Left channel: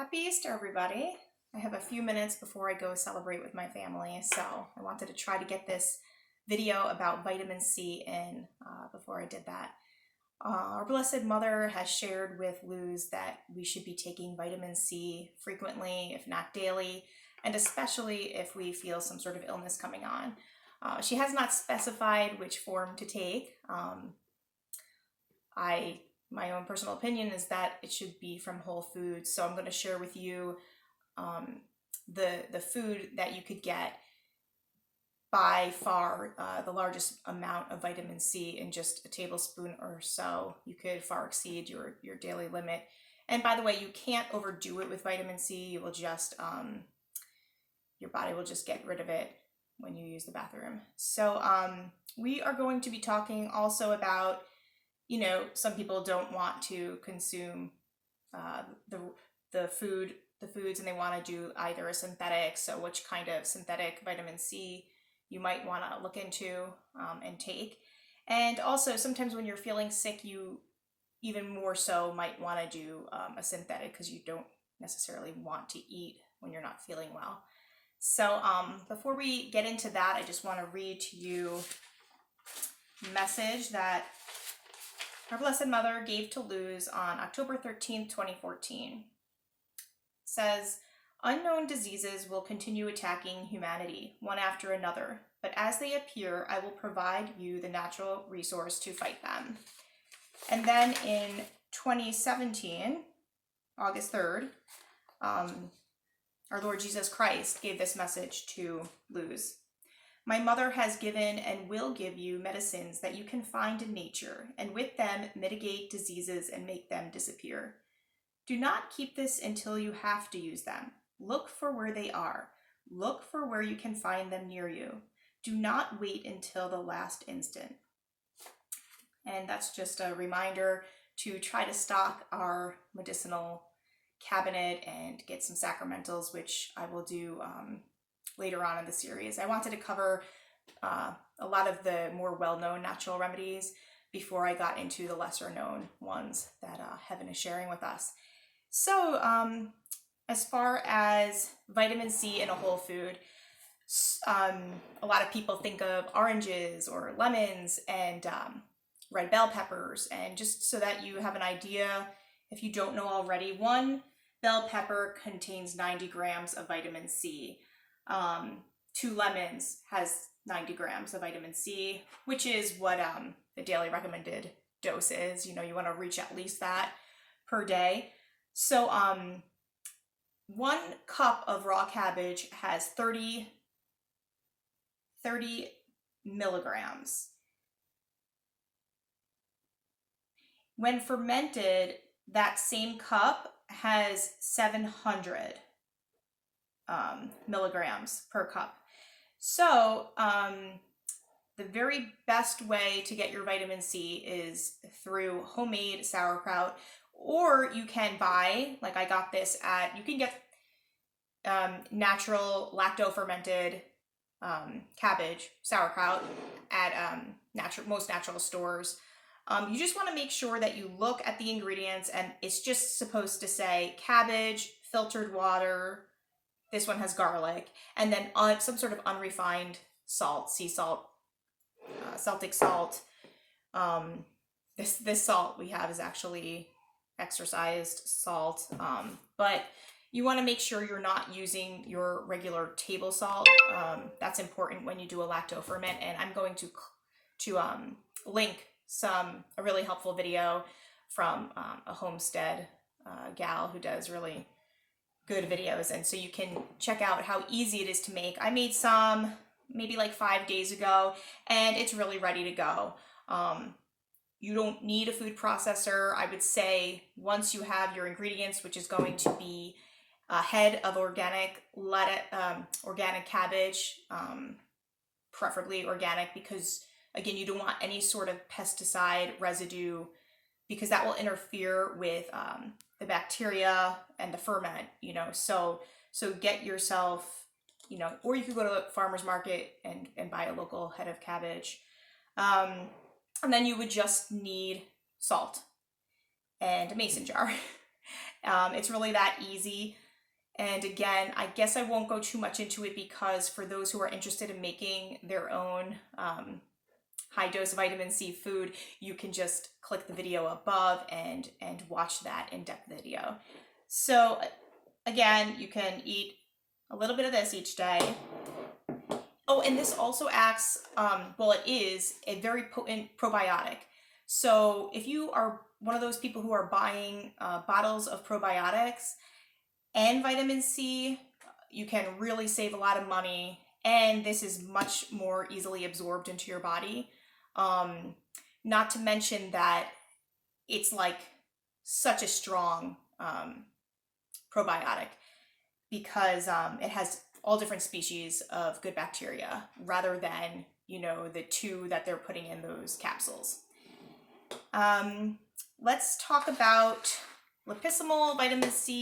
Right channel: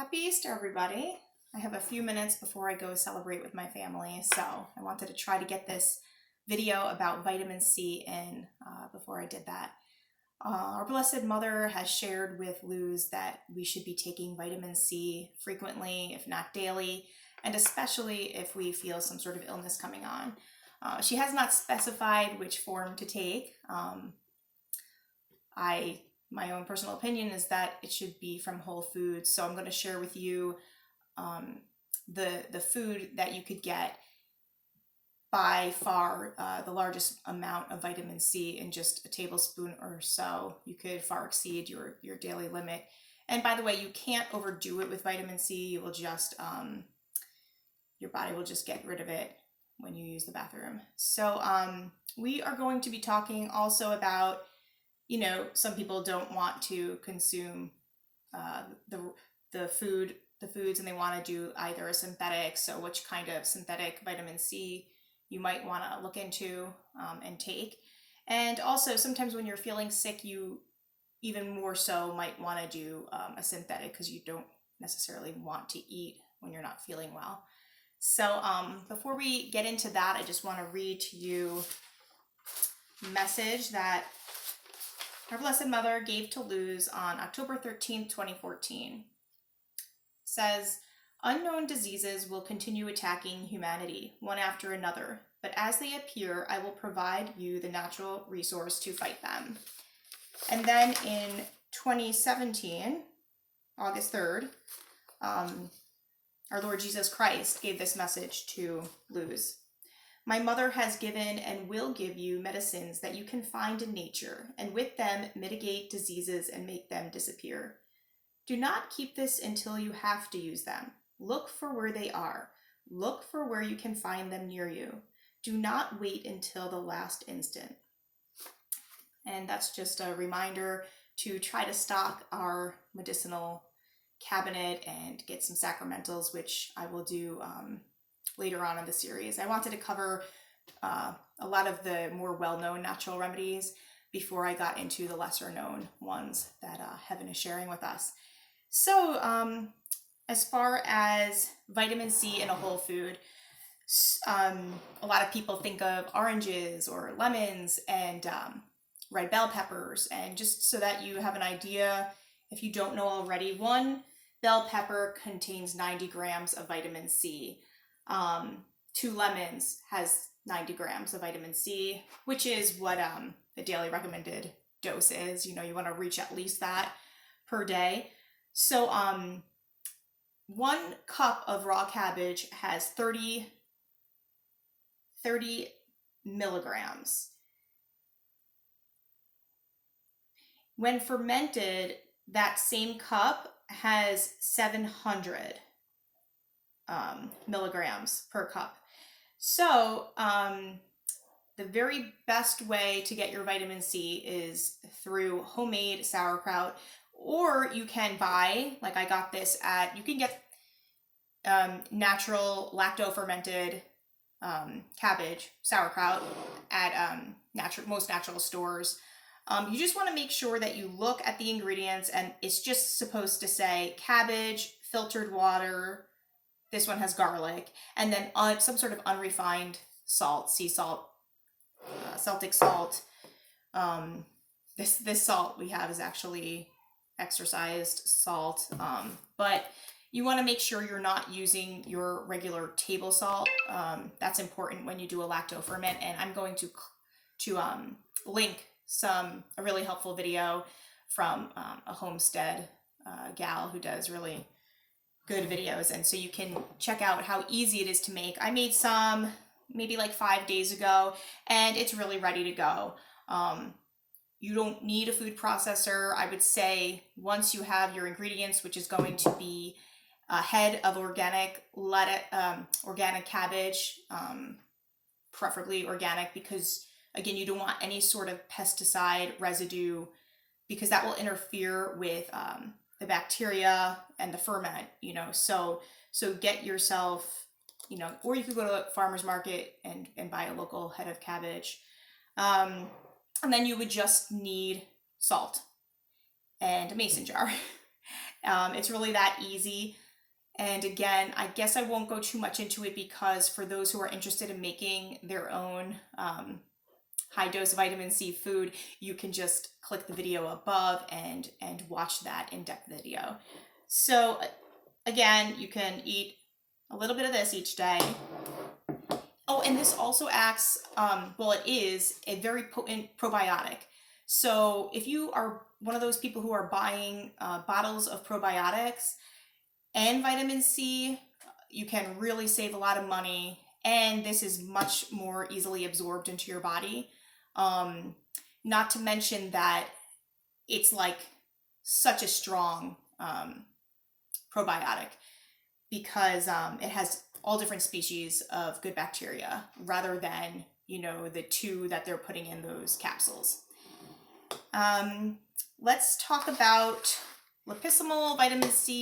Happy Easter, everybody. I have a few minutes before I go celebrate with my family, so I wanted to try to get this video about vitamin C in before I did that. Our Blessed Mother has shared with Luz that we should be taking vitamin C frequently, if not daily, and especially if we feel some sort of illness coming on. She has not specified which form to take. My own personal opinion is that it should be from whole foods. So I'm going to share with you the food that you could get by far the largest amount of vitamin C in just a tablespoon or so. You could far exceed your daily limit. And by the way, you can't overdo it with vitamin C. You will just, your body will just get rid of it when you use the bathroom. So we are going to be talking also about, some people don't want to consume the foods, and they want to do either a synthetic. So which kind of synthetic vitamin C you might want to look into and take. And also sometimes when you're feeling sick, you even more so might want to do a synthetic because you don't necessarily want to eat when you're not feeling well. So before we get into that, I just want to read to you a message that our Blessed Mother gave to Luz on October 13th, 2014. It says, "Unknown diseases will continue attacking humanity, one after another, but as they appear, I will provide you the natural resource to fight them." And then in 2017, August 3rd, our Lord Jesus Christ gave this message to Luz. "My mother has given and will give you medicines that you can find in nature, and with them mitigate diseases and make them disappear. Do not keep this until you have to use them. Look for where they are. Look for where you can find them near you. Do not wait until the last instant." And that's just a reminder to try to stock our medicinal cabinet and get some sacramentals, which I will do later on in the series. I wanted to cover a lot of the more well-known natural remedies before I got into the lesser-known ones that Heaven is sharing with us. So as far as vitamin C in a whole food, a lot of people think of oranges or lemons and red bell peppers. And just so that you have an idea, if you don't know already, one bell pepper contains 90 grams of vitamin C. 2 lemons has 90 grams of vitamin C, which is what the daily recommended dose is. You want to reach at least that per day. So 1 cup of raw cabbage has 30 milligrams. When fermented, that same cup has 700 milligrams per cup. So the very best way to get your vitamin C is through homemade sauerkraut, or you can buy, like I got this you can get natural lacto-fermented cabbage sauerkraut at most natural stores. You just want to make sure that you look at the ingredients, and it's just supposed to say cabbage, filtered water. This one has garlic, and then some sort of unrefined salt, sea salt, Celtic salt. This salt we have is actually exercised salt, but you want to make sure you're not using your regular table salt. That's important when you do a lacto ferment, and I'm going to link a really helpful video from a homestead gal who does really good videos, and so you can check out how easy it is to make. I made some maybe like 5 days ago, and it's really ready to go. You don't need a food processor. I would say once you have your ingredients, which is going to be a head of organic cabbage, preferably organic, because again, you don't want any sort of pesticide residue, because that will interfere with the bacteria and the ferment, so get yourself, or you could go to a farmer's market and buy a local head of cabbage. And then you would just need salt and a mason jar. It's really that easy. And again, I guess I won't go too much into it because for those who are interested in making their own high dose vitamin C food, you can just click the video above and watch that in-depth video. So again, you can eat a little bit of this each day. Oh, and this also acts, well, it is a very potent probiotic. So if you are one of those people who are buying bottles of probiotics and vitamin C, you can really save a lot of money, and this is much more easily absorbed into your body. Not to mention that it's like such a strong probiotic because it has all different species of good bacteria rather than, the 2 that they're putting in those capsules. Let's talk about liposomal vitamin C.